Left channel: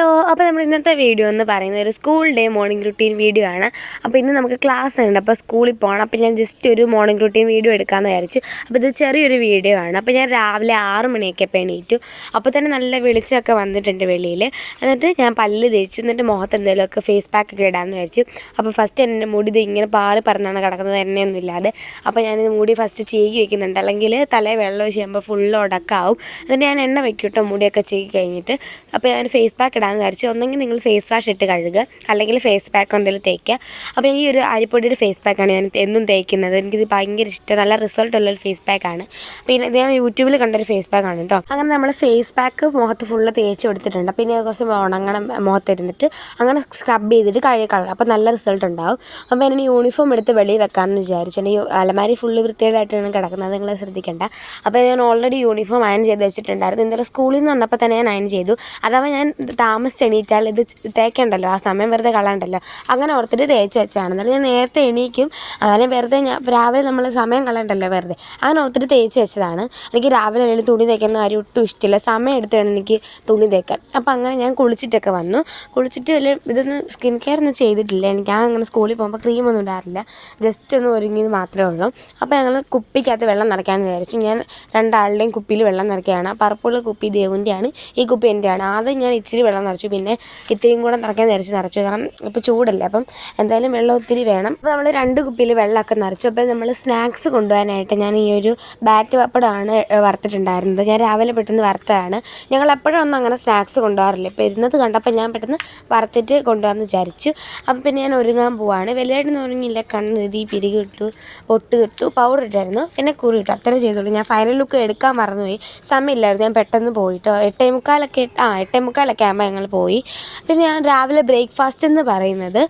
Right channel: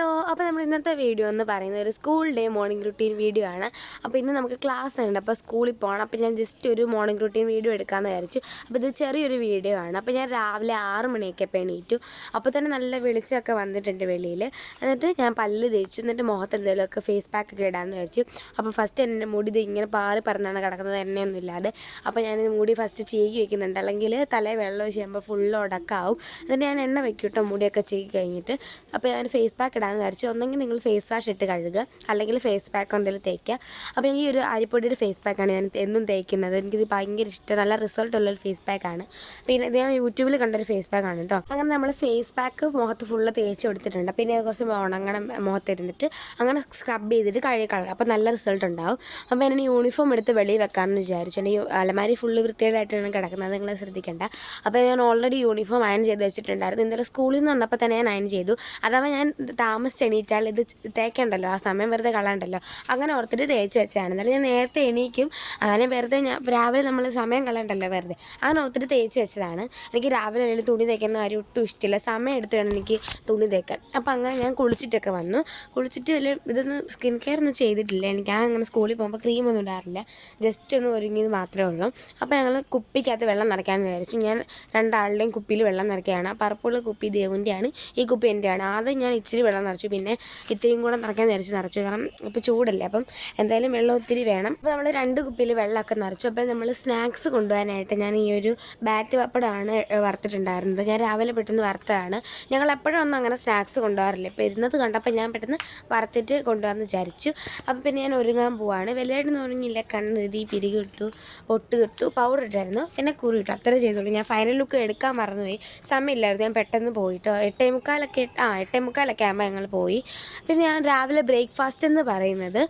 Hello, അപ്പോൾ നമ്മൾ ഇന്നത്തെ വീഡിയോ എന്ന് പറയുന്നത് ഒരു school day morning routine video ആണ്. അപ്പോൾ ഇന്ന് നമുക്ക് ക്ലാസ് ഉണ്ട്, അപ്പോൾ സ്കൂളിൽ പോകണം. അപ്പോൾ ഞാൻ ജസ്റ്റ് ഒരു മോർണിംഗ് റുട്ടീൻ വീഡിയോ എടുക്കാമെന്ന് വിചാരിച്ചു. അപ്പോൾ ഇത് ചെറിയൊരു വീഡിയോ ആണ്. അപ്പോൾ ഞാൻ രാവിലെ 6 മണിയൊക്കെ എണീറ്റു. അപ്പോൾ തന്നെ നല്ല വെളിച്ചമൊക്കെ വന്നിട്ടുണ്ട് വെളിയിൽ. എന്നിട്ട് ഞാൻ പല്ല് തേച്ചു, എന്നിട്ട് മുഖത്ത് എന്തെങ്കിലുമൊക്കെ ഫേസ് പാക്കൊക്കെ ഇടാമെന്ന് വിചാരിച്ചു. അപ്പോൾ ഫസ്റ്റ് എൻ്റെ മുടി ഇത് ഇങ്ങനെ പാറി പറന്നാണ് കിടക്കുന്നത്, എണ്ണയൊന്നും ഇല്ലാതെ. അപ്പോൾ ഞാനിത് മുടി ഫസ്റ്റ് ചീകി വെക്കുന്നുണ്ട്, അല്ലെങ്കിൽ തലേ വെള്ളം ഒഴിച്ച് ചെയ്യുമ്പോൾ ഫുള്ള് ഉടക്കാവും. എന്നിട്ട് ഞാൻ എണ്ണ വെക്കും കേട്ടോ മുടിയൊക്കെ ചീകി കഴിഞ്ഞിട്ട്. അപ്പോൾ ഞാൻ ഫേസ് പാക്ക് ഇടാമെന്ന് വിചാരിച്ചു. ഒന്നെങ്കിൽ നിങ്ങൾ ഫേസ് വാഷ് ഇട്ട് കഴുകുക, അല്ലെങ്കിൽ ഫേസ് പാക്ക് എന്തെങ്കിലും തേക്കുക. അപ്പോൾ ഈ ഒരു അരിപ്പൊടിയുടെ ഫേസ് പാക്കാണ് ഞാൻ എന്നും തേക്കുന്നത്. എനിക്കിത് ഭയങ്കര ഇഷ്ടം, നല്ല റിസൾട്ടുള്ളൊരു ഫേസ് പാക്കാണ്. പിന്നെ ഇത് ഞാൻ യൂട്യൂബിൽ കണ്ടൊരു ഫേസ് പാക്കാണ് കേട്ടോ. അങ്ങനെ നമ്മൾ ഫേസ് പാക്ക് മുഖത്ത് ഫുള്ള് തേച്ച് കൊടുത്തിട്ടുണ്ട്. പിന്നെ കുറച്ച് ഉണങ്ങണം മുഖത്തിരുന്നിട്ട് അങ്ങനെ സ്ക്രബ് ചെയ്തിട്ട് കഴുകണം. അപ്പോൾ നല്ല റിസൾട്ട് ഉണ്ടാവും. അപ്പോൾ ഞാൻ യൂണിഫോം എടുത്ത് വെളിയിൽ വെക്കാമെന്ന് വിചാരിച്ചു. ഈ അലമാരി ഫുള്ള് വൃത്തികേടായിട്ടാണ് കിടക്കുന്നത്, നിങ്ങൾ ശ്രദ്ധിക്കേണ്ട. അപ്പോൾ ഞാൻ ഓൾറെഡി യൂണിഫോം അയൺ ചെയ്ത് വെച്ചിട്ടുണ്ടായിരുന്നു. ഇന്നലെ സ്കൂളിൽ നിന്ന് വന്നപ്പോൾ തന്നെ ഞാൻ അയൺ ചെയ്തു. അഥവാ ഞാൻ താമസിച്ച് എണീറ്റാൽ ഇത് തേക്കണ്ടല്ലോ, ആ സമയം വെറുതെ കളയണ്ടല്ലോ, അങ്ങനെ ഓർത്തിട്ട് തേച്ച് വെച്ചാണ്. എന്നാലും ഞാൻ നേരത്തെ എണീക്കും, അങ്ങനെ വെറുതെ രാവിലെ നമ്മൾ സമയം കളയണ്ടല്ലോ വെറുതെ, അങ്ങനെ ഓർത്തിട്ട് തേച്ച് വെച്ചതാണ്. എനിക്ക് രാവിലെ അല്ലെങ്കിൽ തുണി തേക്കുന്ന കാര്യം ഒട്ടും ഇഷ്ടമില്ല, സമയം എടുത്ത് വേണം എനിക്ക് തുണി തേക്കാൻ. അപ്പോൾ അങ്ങനെ ഞാൻ കുളിച്ചിട്ടൊക്കെ വന്നു. കുളിച്ചിട്ട് വലിയ ഇതൊന്നും സ്കിൻ കെയർ ഒന്നും ചെയ്തിട്ടില്ല. എനിക്ക് അങ്ങനെ സ്കൂളിൽ പോകുമ്പോൾ ക്രീമൊന്നും ഇടാറില്ല, ജസ്റ്റ് ഒന്ന് ഒരുങ്ങിയത് മാത്രമേ ഉള്ളൂ. അപ്പോൾ ഞങ്ങൾ കുപ്പിക്കകത്ത് വെള്ളം നിറയ്ക്കാമെന്ന് വിചാരിച്ചു. ഞാൻ രണ്ടാളുടെയും കുപ്പിയിൽ വെള്ളം നിറയ്ക്കുകയാണ്. പർപ്പിൾ കുപ്പി ദേവുൻ്റെയാണ്, ഈ കുപ്പി എൻ്റെയാണ്. ആദ്യം ഞാൻ ഇച്ചിരി വെള്ളം നിറച്ചു, പിന്നെ ഇത്രയും കൂടെ നിറയ്ക്കാൻ നിറച്ചു. കാരണം ഇപ്പോൾ ചൂടല്ലേ, അപ്പം എന്തായാലും വെള്ളം ഒത്തിരി വേണം. അപ്പോൾ നമ്മൾ 2 കുപ്പിയിൽ വെള്ളമൊക്കെ നിറച്ചു. അപ്പോൾ നമ്മൾ സ്നാക്സ് കൊണ്ടുപോകാനായിട്ട് ഞാൻ ഈ ഒരു ബാറ്റ് പപ്പടമാണ് വറുത്തിട്ടുണ്ടായിരുന്നത്. ഞാൻ രാവിലെ പെട്ടെന്ന് വറുത്തതാണ്. ഞങ്ങൾ എപ്പോഴും ഒന്നും അങ്ങനെ സ്നാക്സ് കൊണ്ടുപോകാറില്ല. ഇപ്പോൾ ഇരുന്നത് കണ്ടപ്പോൾ ഞാൻ പെട്ടെന്ന് വറുത്തിട്ട് കൊണ്ടുപോകാമെന്ന് വിചാരിച്ചു. അപ്പോൾ പിന്നെ ഞാൻ ഒരുങ്ങാൻ പോവാണ്. വലിയായിട്ടൊന്നും ഒരുങ്ങിയില്ല, കണ്ണെഴുതി, പിരികി ഇട്ടു, പൊട്ട് ഇട്ടു, പൗഡർ ഇട്ടായിരുന്നു, പിന്നെ കുറി ഇട്ടു, അത്രേ ചെയ്തോളൂ. ഞാൻ ഫൈനൽ ലുക്ക് എടുക്കാൻ മറന്നുപോയി, സമയമില്ലായിരുന്നു. ഞാൻ പെട്ടെന്ന് പോയിട്ടോ 8:45 ആകുമ്പോൾ ഞങ്ങൾ പോയി. പിന്നെ ഞാൻ രാവിലെ ബ്രേക്ക്ഫാസ്റ്റ് എന്ന് പറയുന്നത്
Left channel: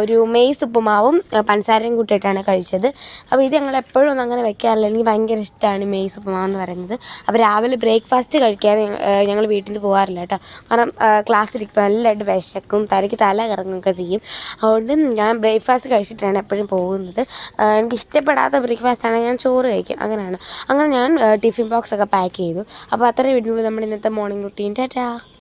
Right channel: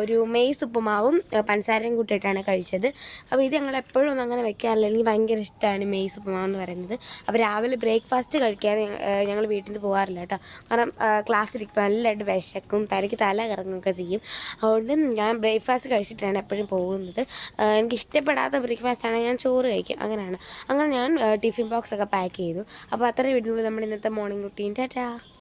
ഒരു മെയ്സ് ഉപ്പുമാവും പഞ്ചസാരയും കൂട്ടിയിട്ടാണ് കഴിച്ചത്. അപ്പോൾ ഇത് ഞങ്ങൾ എപ്പോഴും ഒന്നും അങ്ങനെ വെക്കാറില്ല, എനിക്ക് ഭയങ്കര ഇഷ്ടമാണ് മെയ്സ് ഉപ്പുമാവ് എന്ന് പറയുന്നത്. അപ്പോൾ രാവിലെ ബ്രേക്ക്ഫാസ്റ്റ് കഴിക്കാതെ ഞങ്ങൾ വീട്ടിൽ നിന്ന് പോകാറില്ല കേട്ടോ. കാരണം ക്ലാസ്സിലിരിക്കുമ്പോൾ നല്ലതായിട്ട് വിശക്കും, തല കറങ്ങുകയൊക്കെ ചെയ്യും. അതുകൊണ്ട് ഞാൻ ബ്രേക്ക്ഫാസ്റ്റ് കഴിച്ചിട്ടാണ് എപ്പോഴും പോകുന്നത്. എനിക്ക് ഇഷ്ടപ്പെടാത്ത ബ്രേക്ക്ഫാസ്റ്റാണെങ്കിൽ ഞാൻ ചോറ് കഴിക്കും, അങ്ങനെയാണ്. അങ്ങനെ ഞാൻ ടിഫിൻ ബോക്സൊക്കെ പാക്ക് ചെയ്തു. അപ്പോൾ അത്രയും വീട്ടിനുള്ളിൽ നമ്മുടെ ഇന്നത്തെ മോർണിംഗ് റുട്ടീൻ. ടാറ്റാ.